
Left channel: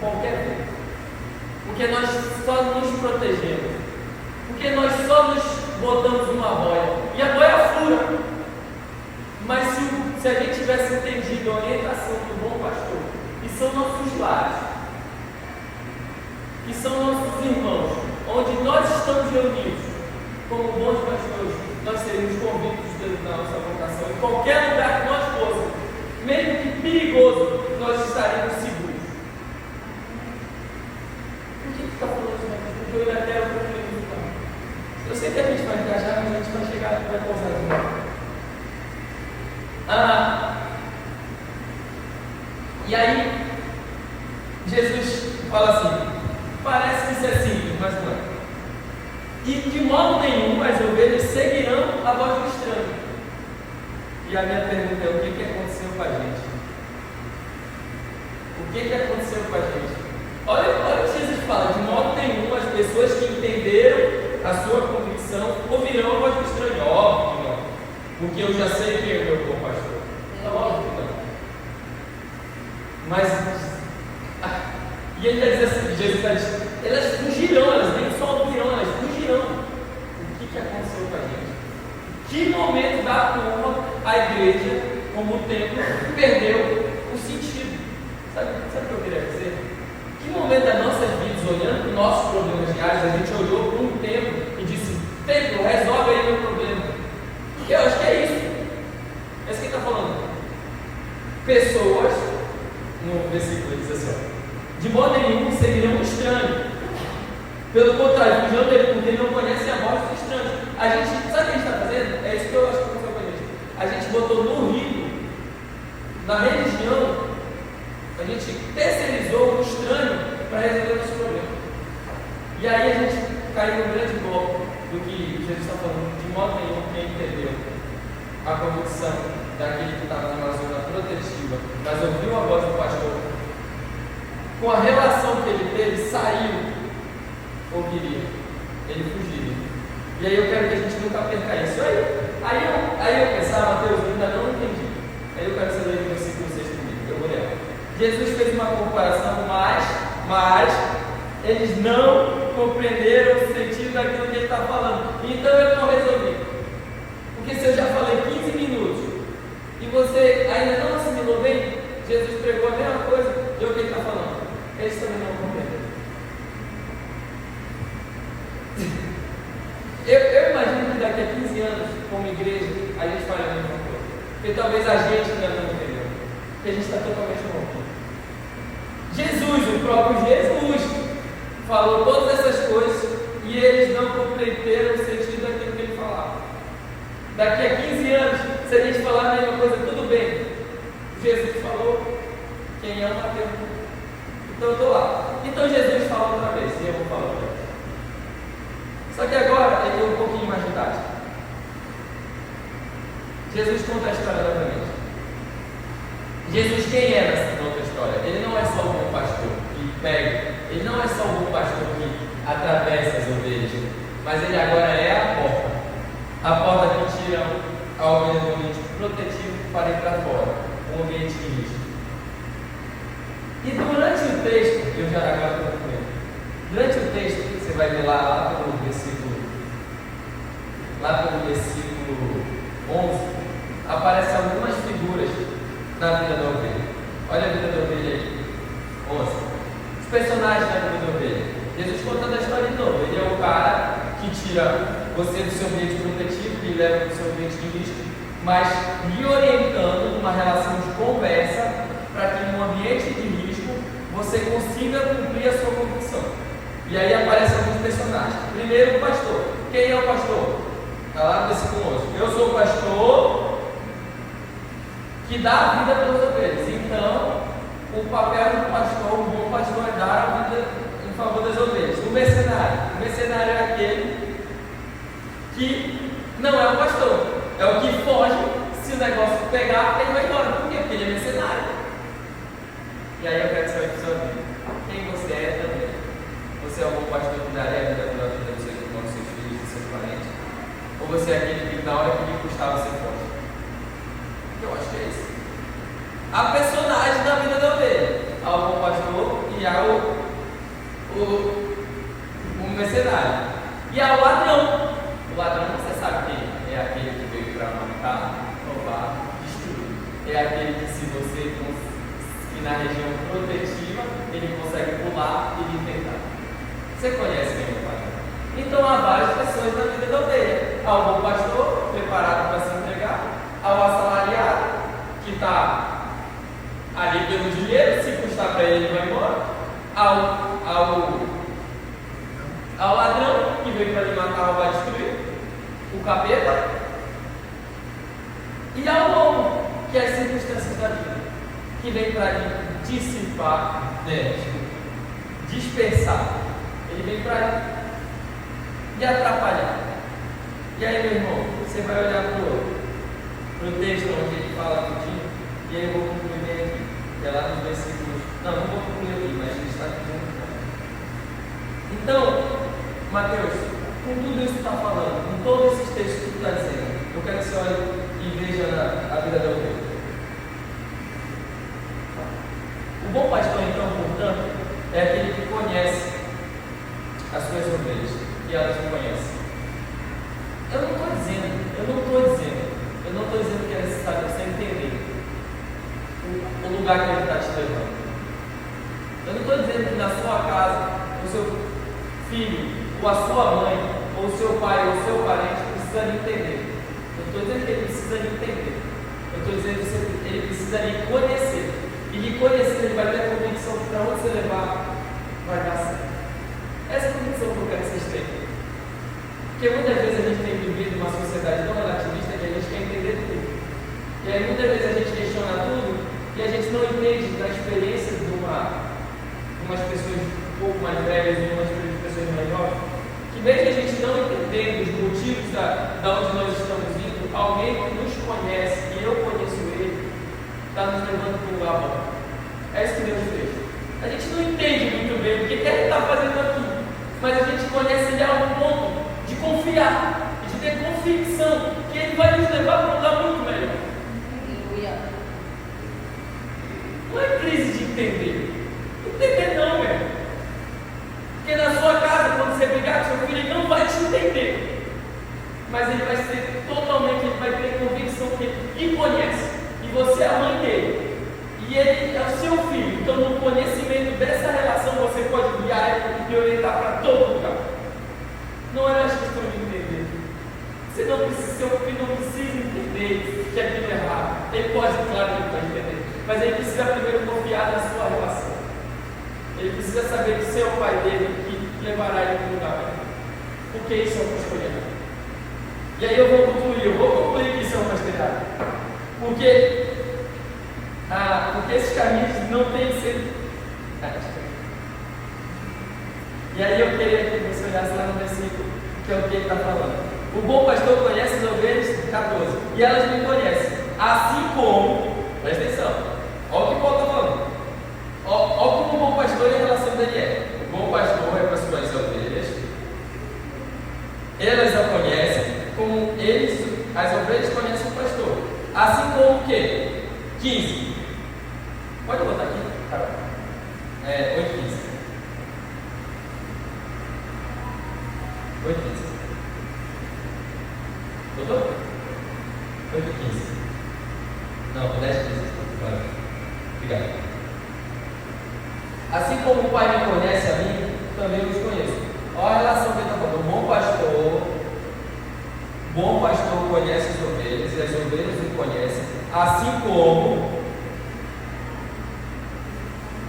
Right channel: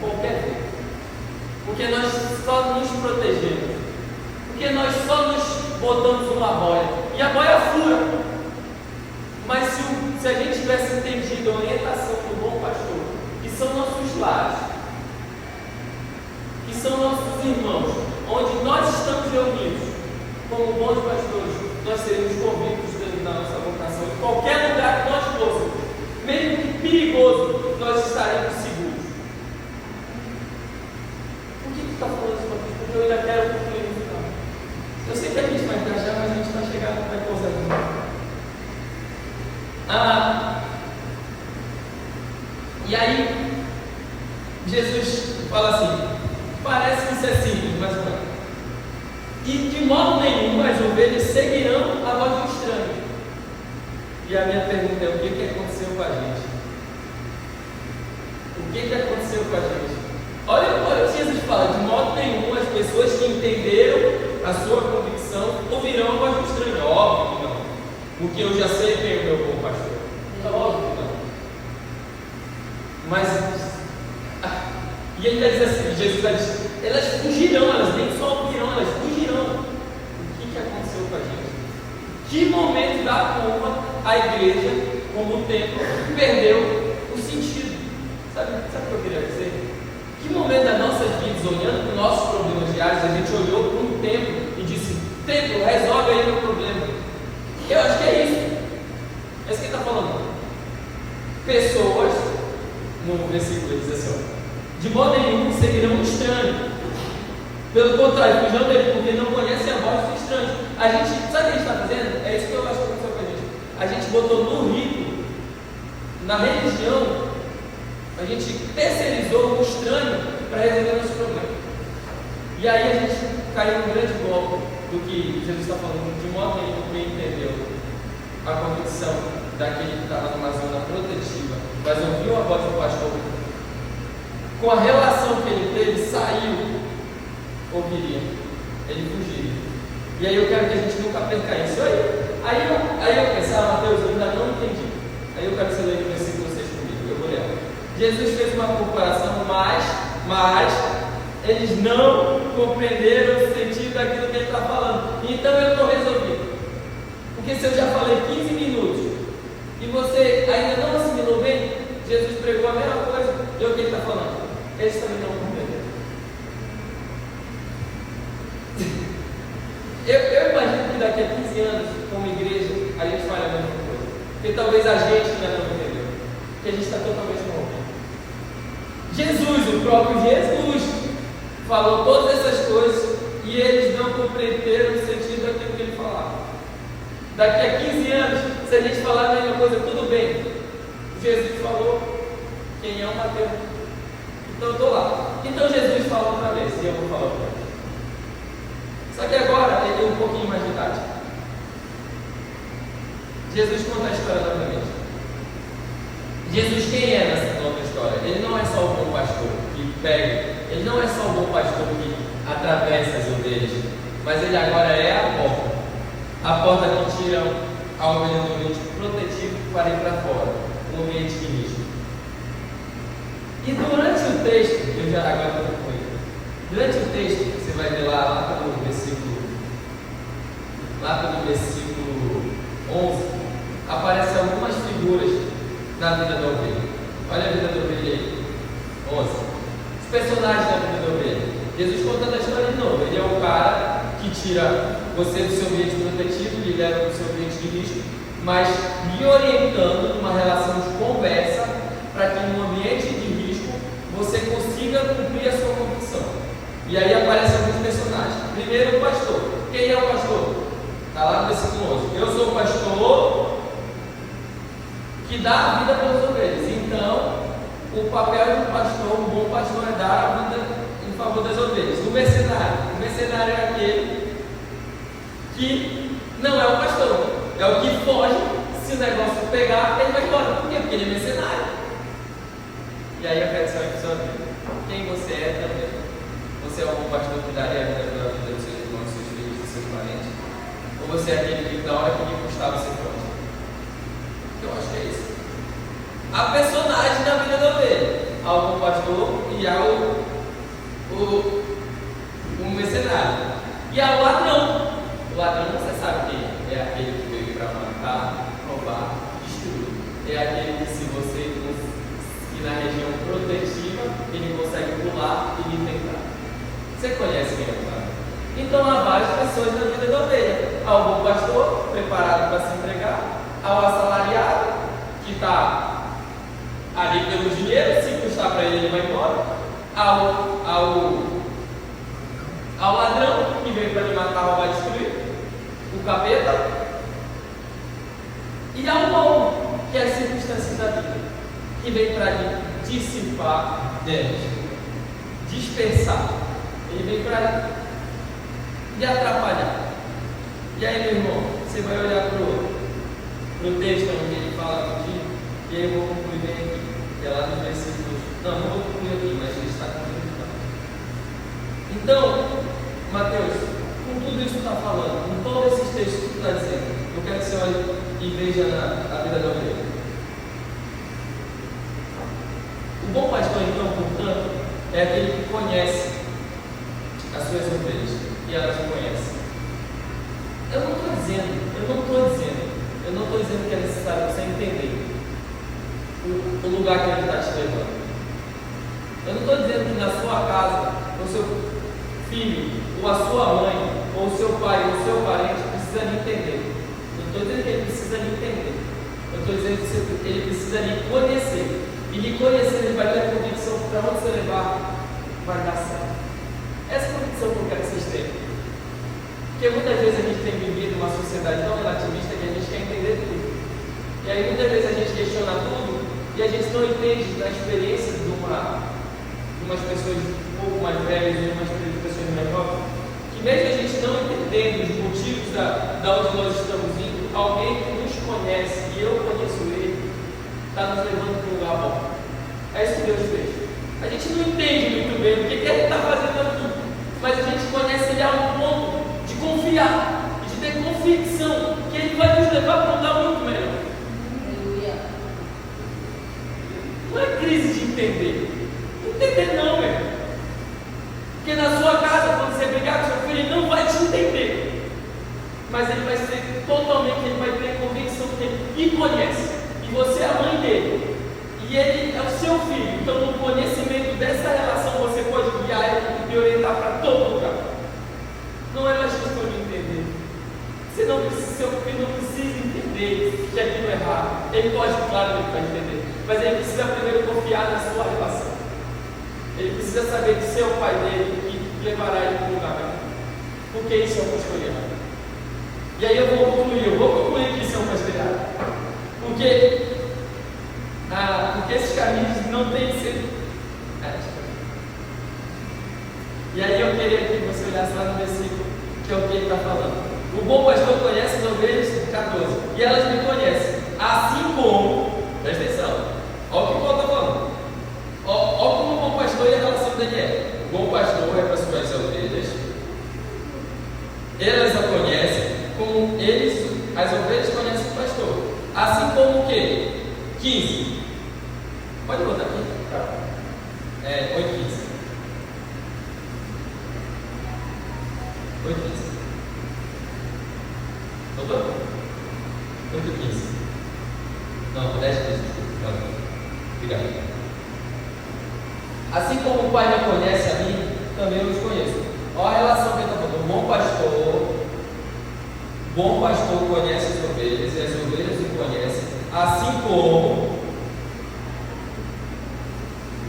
por qualquer coisa. Porque nós só nos protegemos. Porque nós só nos botamos uma boia. E a boia fura. Mas se a gente tivesse entendido a orientação do bom pastor, que são nossos lares, que são nossos irmãos, onde nós estamos reunidos como bons pastores, nós seremos convictos da nossa vocação. Em qualquer lugar que nós fôssemos, mesmo que perigoso, nós estaremos seguros. Por que está falando isso? Porque eu ainda quero concluir no final. Eu sei que a gente vai encaixar, mas a gente vai chegar, vai pausar. E de modo nenhum as ovelhas seguirão a voz do estranho. E a minha pergunta é: o que aconteceu com a gente? O que aconteceu com a gente? Olha o que Jesus fala: de modo nenhum as pessoas que entenderam a sua convicção ouvirão a voz do estranho. Óbvio que não. Porque eu já sei quem é o meu bom pastor. É óbvio que não. Mas, e ele está dizendo assim, Jesus está dizendo, elas fugirão, elas nem só ouvirão, elas fugirão. O que aconteceu com a gente? Que momento da culpa a igreja, como templo, perdeu o sentido? Sabe o que eu queria dizer? Que momento das nossas vidas, olhando para os nossos problemas diários, a gente olhou para um templo e disse: templo, resolve aí meu problema. Eu acho que é isso. É isso que ele está falando. Pessoas, no versículo ele diz assim: de modo nenhum seguirão um estranho. Pelo contrário, fujam dele, porque não conhecem a voz do estranho. A gente, sabe o que a gente está fazendo? É isso que eu acho que aconteceu com a gente. A gente botou no rito, na religião, a gente terceirizou o estranho para resolver nossos problemas. E aí a gente caiu num grande golpe do que Jesus está falando. De modo nenhum quem entendeu a convicção daquele que estava numa zona protetiva, mas ouviu a voz do pastor, com a relação que ele teve, saiu, ouviria, ele fugiria. E aí eu quero que a gente nunca perca isso. Aí eu pensava: Mateus, eu ainda não entendi. Aí eu quero que você leia o versículo 6 comigo, eu vou ler. Jesus fez uma comparação, mas eles não compreenderam o sentido daquilo que ele está falando. Então eu não resolvi. Porque se eu já falei 15 minutos e você ainda não assimilou bem, Jesus pregou a mesma coisa, e o que ele está falando? Eles também não compreenderam. Eu imagino que daqui a 15 anos, como igreja, a gente fale a mesma coisa. Porque talvez a gente ainda não entendeu. Porque a gente está totalmente rompido. Jesus, o próprio Jesus, falou todas essas coisas e eles não compreenderam o sentido daquilo que ele falava. Daqui a 15 anos, se a gente falar a mesma coisa, tudo bem. Jesus falou, quem ama Deus. Então eu estou lá. Então Jesus fala outra vez, e eu vou falar outra vez. Só que agora ele tem um pouquinho mais de idade. Jesus conta a história novamente. Jesus, quem é nessa outra história? Ele não é só o bom pastor que pega, ele não é só o bom pastor que atravessa as ovelhas, mas ele agora é a porta que tira a ovelha do ambiente protetivo para ir para fora, um ambiente de risco. E durante o texto, eu já agora estou com ele. Durante o texto, você vai ver lá pelo versículo 11, aparecem algumas figuras da vida da ovelha. Olha a vida da ovelha aí. 11. Os personagens da vida da ovelha. Jesus contando a história de novo. Ele é o cara que tira você do seu ambiente protetivo, lhe leva para o seu ambiente de risco, mas lhe orientando numa relação de conversa para que num ambiente de risco você consiga cumprir a sua convicção. E aí aparecem alguns personagens. Primeiro, o pastor. Quem é o pastor? Está lá no versículo 11. Eu sou o pastor que dá a vida pelas ovelhas. Então, o papel do pastor, o bom pastor, é dar a vida em favor das ovelhas. O mercenário é aquele que não é o pastor, é o que foge. Se o negócio pegar, ele vai embora. Por quê? Porque ele é mercenário. E aí eu quero que você olhe para a sua vida. Quem você é também? Você é o bom pastor que daria a vida pela vida dos seus irmãos, dos seus filhos, dos seus parentes? Ou você é aquele que, na hora que lhe custava, você foge? Eu acho que é isso. Há personagens na vida da ovelha. Há o bom pastor e há o mercenário. E há o ladrão. O ladrão você sabe quem é aquele que veio para matar, roubar, destruir. É aquele que, se você que na região protetiva, ele consegue pular e lhe tentar. Você conhece quem é o ladrão? Então há várias pessoas na vida da ovelha. Há o bom pastor, preparado para se entregar. Há o assalariado, que está ali pelo dinheiro, se custar para ele, ele vai embora. Ao ladrão, que veio para lhe matar, roubar, destruir. O capeta. E ao bom, que é as circunstâncias da vida, que vem para lhe dissipar, dispersar. Ele vem para lhe atrapalhar. E aí, meu irmão, você vai olhar para o texto onde ele fala contigo, e aí eu vou concluir bem aqui, que é lá no versículo. Não vou concluir aqui, mas ele está aqui no final. Então, Mateus, com tudo isso que está falando, com todos esses textos que tu está dizendo, eu quero que você olhe e veja a vida da ovelha. O bom pastor, então, portanto, é aquele que conhece as suas ovelhas e elas o conhecem. Eu não estou dizendo que é necessário você entender o lugar que ele está te levando. Eu não estou dizendo que na sua casa, o seu filho, ou a sua mãe, ou o seu pai, ou o seu parente precisa lhe entender. Eu não estou dizendo que ele precisa lhe entender. Eu estou dizendo que ele precisa lhe conhecer. E lhe conhecer, ele vai ter a convicção que para onde você levar, vai dar certo. Essa é a convicção que eu quero que vocês tenham. Porque muitas vezes a gente tem vivido uma sociedade tão relativista que a gente quer entender tudo. E aí muitas vezes a gente questiona tudo e a gente não entende da experiência de umas pessoas um pouco mais velhas e umas pessoas mais novas, que mesmo a gente não entendendo os motivos da onde nós estamos indo, alguém que nos conhece e eu conheço ele, está nos levando para um lugar bom. É isso que Deus fez. A gente não entende muito bem o que ele está fazendo aqui, mas a gente conhece ele a um ponto de confiar e de ter convicção que ele vai nos levar para um lugar muito melhor. Não é crise de entender. Entender não, meu. Porque na sua casa, quando você brigar com seu filho, ele não vai te entender. Mas ele vai ser totalmente, ele vai ter convicção que ele lhe conhece. E você é a mãe dele. E ele é o seu filho. Então, no conhecimento dessa relação, você pode guiar ele e orientar para todo lugar. Não é mais questão de entender. Seu filho não precisa entender que aquilo é errado. Ele pode, claro que ele pode entender. Mas ele precisa primeiro confiar na sua relação. Ele precisa saber que seu pai dele que levará ele para o lugar. Porque isso é um pastoreado. E aí eu vou concluir que isso é um pastoreado. Porque esses caminhos não têm que ser. E aí eu queria que você olhasse lá no versículo, que é o que ele está falando. O bom pastor conhece as ovelhas, 14, e elas me conhecem, assim como, presta atenção, olha o que o Paulo está falando, olha como o bom pastor e a relação dele é. O bom pastor é para as suas ovelhas, elas a conhecem, como as ovelhas conhecem o pastor, assim como o quê? 15, pode botar aqui, Carol, 8:15. 8:15. Botou? 8:15. Não, 10:15. Obrigado. Assim como o Pai me conhece a mim, também eu os conheço. Olha a relação que ele está falando. O bom pastor conhece as ovelhas, e as ovelhas o conhecem, assim como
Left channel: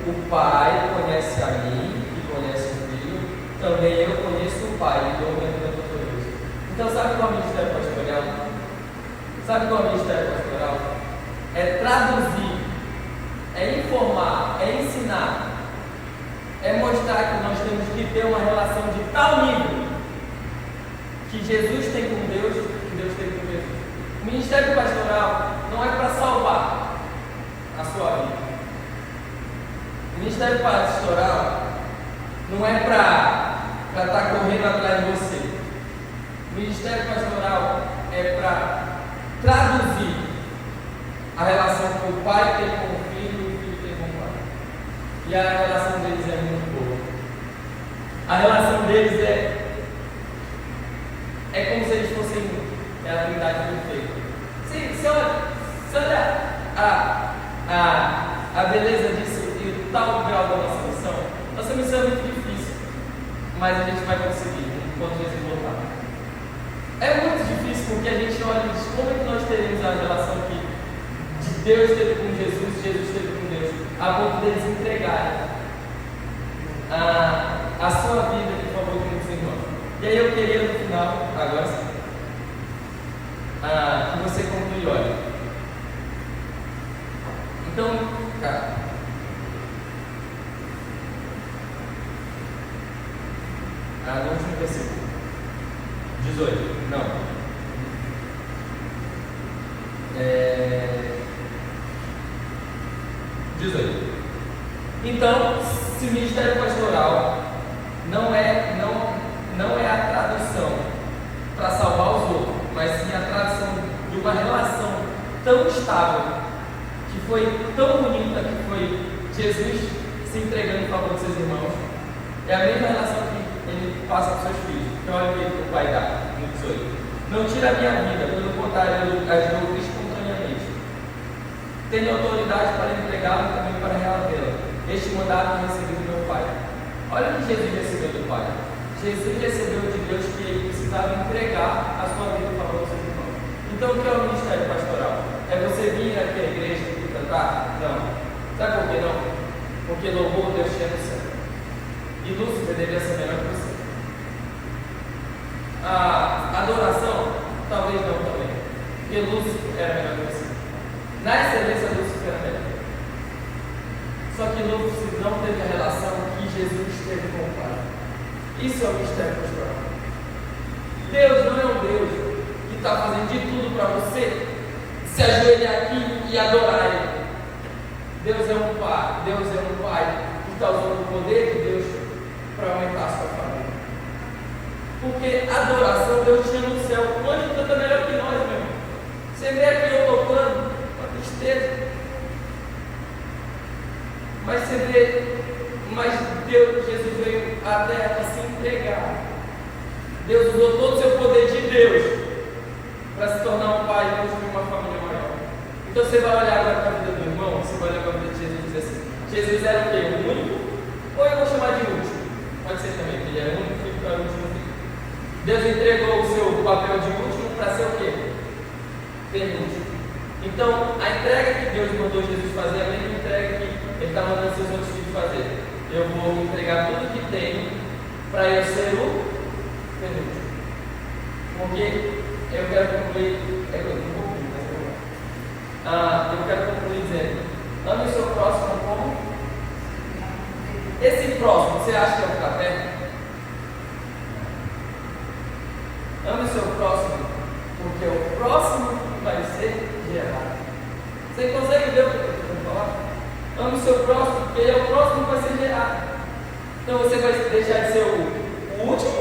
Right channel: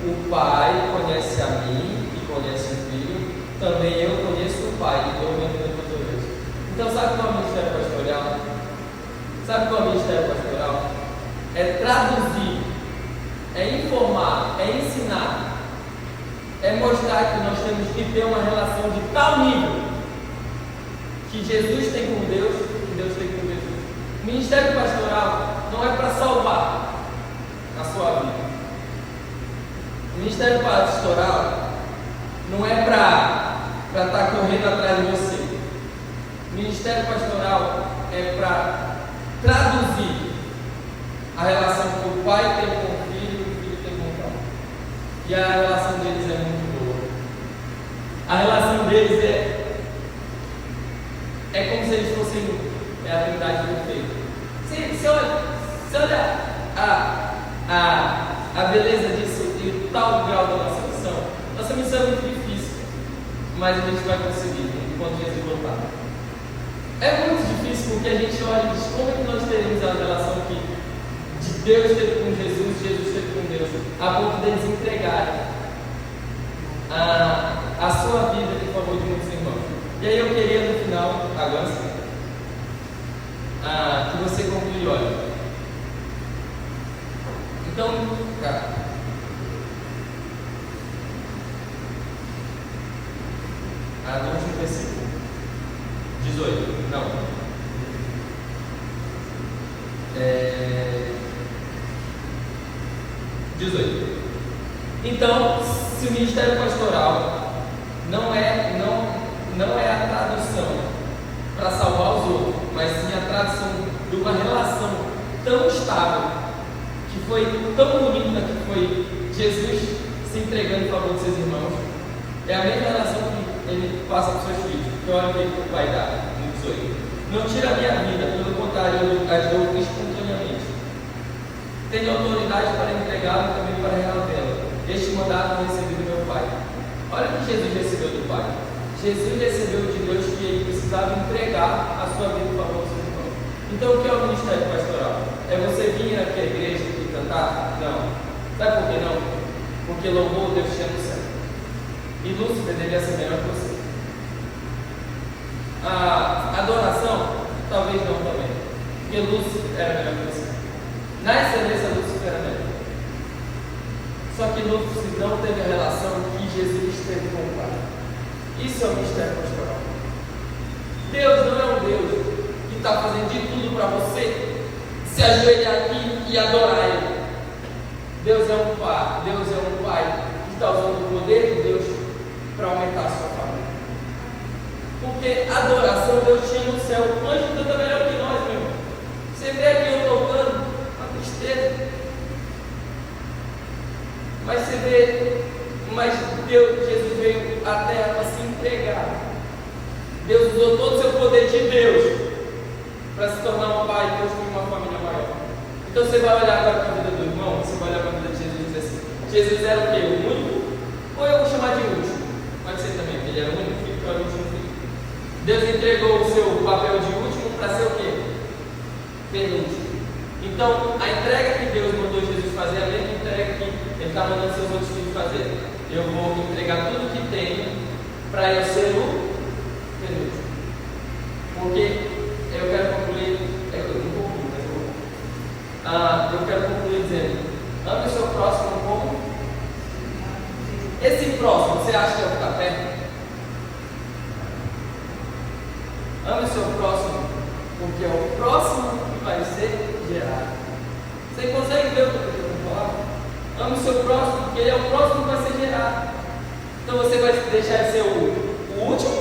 o Pai conhece a mim e conhece o Filho, também eu conheço o Pai e dou ordem para tudo isso. Então, sabe qual é o ministério pastoral? Sabe qual é o ministério pastoral? É traduzir, é informar, é ensinar, é mostrar que nós temos que ter uma relação de tal nível que Jesus tem com Deus e Deus tem com Jesus. O ministério pastoral não é para salvar a sua vida. O ministério pastoral não é para estar correndo atrás de você. O ministério pastoral é para traduzir a relação que o pai tem com o filho e o filho tem com o pai. E a relação deles é muito boa. A relação deles é como se eles fossem a Trindade perfeita. Se olha a beleza disso e o tal grau da nossa missão é muito difícil, mas a gente vai conseguir enquanto Jesus voltar. É muito difícil porque a gente olha e diz como que nós teremos a relação que de Deus teve com Jesus, Jesus teve com Deus, a ponto deles entregarem a sua vida em favor de muitos irmãos. E aí eu queria no final, agora sim, que você conclui, olha. Então, cara, no último versículo. 18, não. 18. Então, se o ministério pastoral não é a tradução para salvar os outros, mas sim a tradução de uma relação tão estável, que foi tão bonita, que foi Jesus se entregando em favor dos seus irmãos, é a mesma relação que ele passa para os seus filhos. Que olha o que o pai dá no 18. Não tira a minha vida, pelo contrário, eu as dou espontaneamente. Tenho autoridade para entregá-la e também para reavê-la. Este mandato eu recebi do meu pai. Olha o que Jesus recebeu do pai. Jesus recebeu de Deus que ele precisava entregar a sua vida em favor do seu irmão. Então, o que é o ministério pastoral? É você vir aqui à igreja e cantar? Não. Sabe por que não? Porque louvor Deus tinha no céu. E Lúcifer deveria ser melhor que você. A adoração, talvez não também. Porque Lúcifer era melhor que você. Na excelência, Lúcifer era melhor. Só que Lúcifer não teve a relação que Jesus teve com o Pai. Isso é o mistério pastoral. Deus não é um Deus que está fazendo de tudo para você se ajoelhar aqui e adorar Ele. Deus é um Pai que está usando o poder de Deus para aumentar a sua família. Porque a adoração Deus tinha no céu. O anjo canta melhor que nós, meu irmão. Você vê aqui eu tocando, uma tristeza. Mas você vê, Deus, Jesus veio à terra para se entregar. Deus usou todo o seu poder de Deus para se tornar um pai e construir uma família maior. Então você vai olhar agora para a vida do irmão, você vai olhar para a vida de Jesus e dizer assim: Jesus era o quê? O único? Ou eu vou chamar de último? Pode ser também, porque ele era o único filho, para o último filho. Deus entregou o seu papel de último para ser o quê? Penúltimo. Então, a entrega que Deus mandou Jesus fazer é a mesma entrega que Ele está mandando seus outros filhos fazer. Eu vou entregar tudo que tenho para eu ser o penúltimo. Porque eu quero concluir, eu quero concluir dizendo: ame o seu próximo como? Esse próximo, você acha que é o que está perto? Ame o seu próximo, porque é o próximo que vai ser gerado. Você consegue ver o que eu estou querendo falar? Ame o seu próximo, porque ele é o próximo que vai ser gerado. Então você vai deixar de ser o último,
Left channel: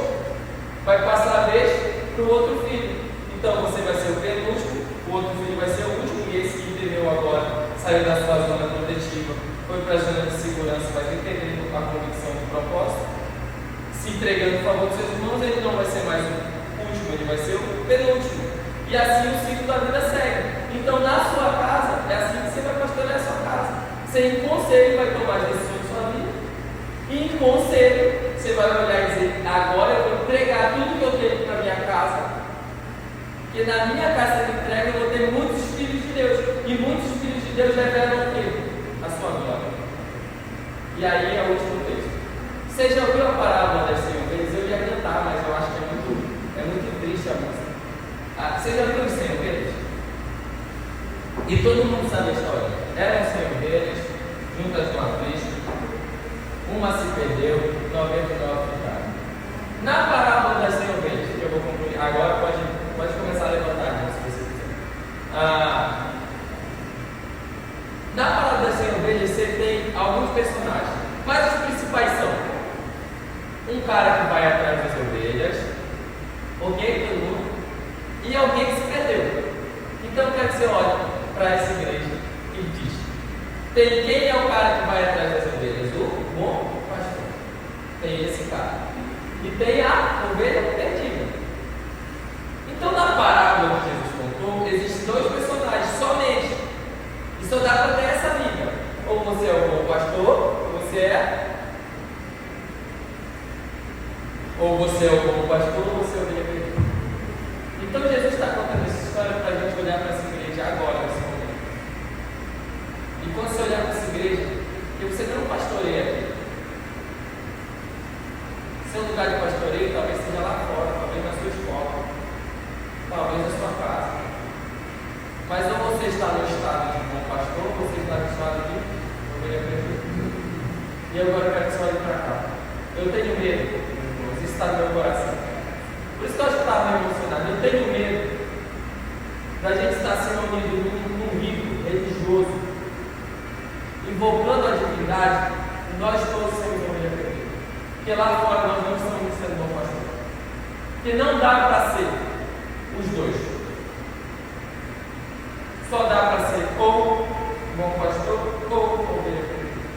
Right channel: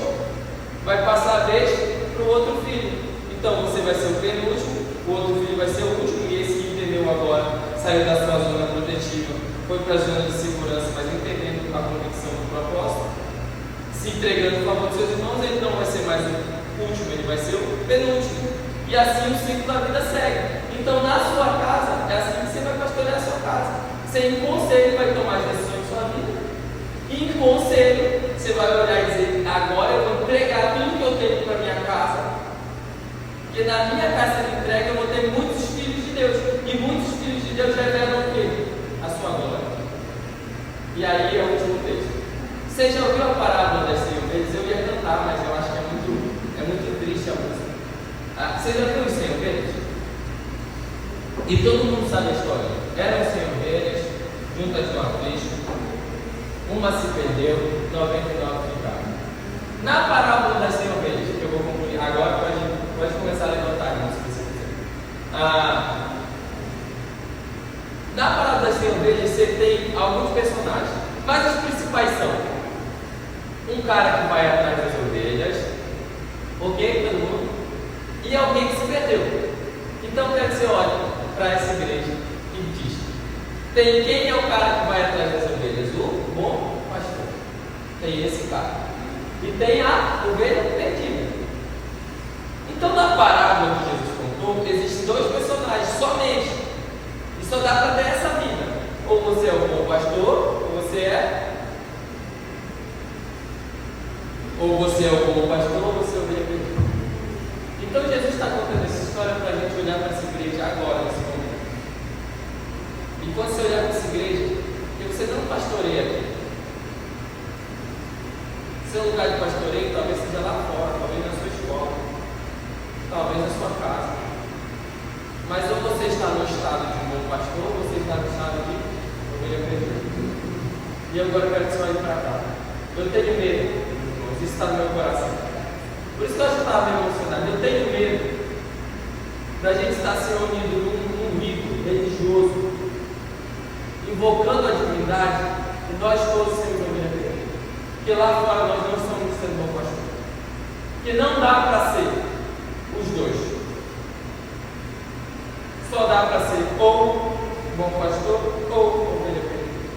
vai passar a vez para o outro filho. Então você vai ser o penúltimo, o outro filho vai ser o último, e esse que entendeu agora, saiu da sua zona protetiva, foi para a zona de segurança, mas entendendo a convicção do propósito, se entregando em favor dos seus irmãos, ele não vai ser mais o último, ele vai ser o penúltimo. E assim o ciclo da vida segue. Então, na sua casa, é assim que você vai pastorear a sua casa. Você, em conselho, vai tomar as decisões da sua vida. E em conselho, você vai olhar e dizer: agora eu vou entregar tudo que eu tenho para minha casa. Porque na minha casa de entrega eu vou ter muitos filhos de Deus. E muitos filhos de Deus revelam o quê? A sua glória. E aí é o último texto. Você já ouviu a parábola das 100 ovelhas? Eu ia cantar, mas eu acho que é muito triste a música. Você já viu os 100 ovelhas? E todo mundo sabe a história. Eram 100 ovelhas, juntas de uma flecha. Uma se perdeu, 99 ficaram. Na parábola das 100 ovelhas, que eu vou concluir agora, pode começar a levantar a mão se você quiser. Na parábola das 100 ovelhas, você tem alguns personagens, mas os principais são um cara que vai atrás das ovelhas, ok? Todo mundo? E alguém que se perdeu. Então eu quero que você olhe para essa igreja e diz: quem é o cara que vai atrás das ovelhas? O bom pastor. Tem esse cara. E tem a ovelha perdida. Então na parábola que Jesus contou, existem dois personagens somente. E só dá para ter essa vida. Ou você é o bom pastor, ou você é o bom pastor, ou você é o ovelha perdida. Então Jesus está contando essa história para a gente olhar para essa igreja agora, nesse momento. E quando você olhar para essa igreja, que você não pastoreia aqui. Seu lugar de pastoreio talvez seja lá fora, talvez na sua escola, talvez na sua casa. Mas ou você está no estado de um bom pastor, ou você está no estado de ovelha perdida. E agora eu quero que você olhe para cá. Eu tenho medo, isso está no meu coração. Por isso que eu acho que eu estava meio emocionado. Eu tenho medo da gente estar se reunindo num rito religioso, invocando a divindade, e nós todos sermos ovelha perdida. Porque lá fora nós não estamos sendo bom pastor. Porque não dá para ser os dois. Só dá para ser ou bom pastor ou ovelha perdida.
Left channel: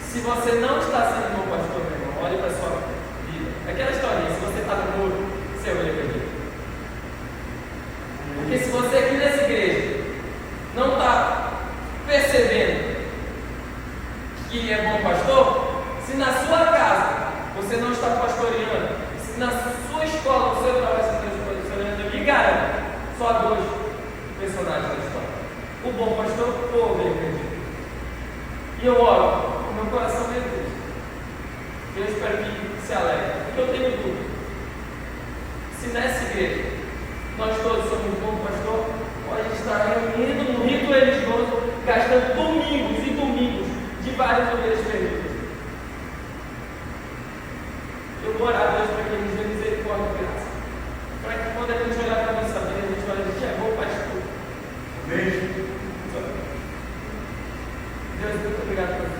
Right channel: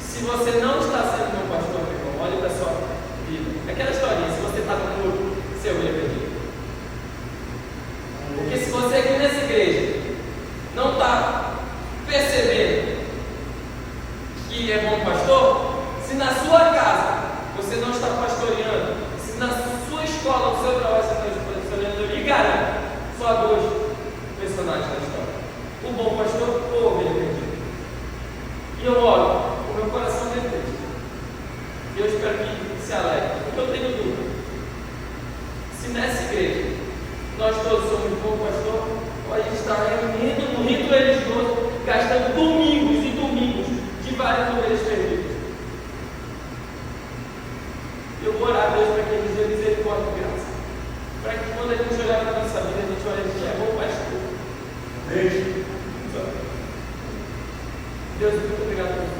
Se você não está sendo bom pastor, meu irmão, olhe para a sua vida. Aquela historinha, se você está no muro, você é ovelha perdida. Porque se você aqui nessa igreja não está percebendo que é bom pastor, se na sua casa você não está pastoreando, se na sua escola, no seu trabalho você está pastoreando, eu lhe garanto, só há dois personagens da história: o bom pastor ou a ovelha perdida. E eu oro, o meu coração é triste. Eu espero que se alegre, porque eu tenho dúvida. Se nessa igreja nós todos somos bom pastor, pode estar reunindo no rito religioso, gastando domingos e domingos de várias ovelhas perdidas. Eu vou orar a Deus para que Ele nos dê misericórdia e graça, para que quando a gente olhar para a nossa vida, a gente olhe, a gente é bom pastor. Beijo. Deus, muito obrigado por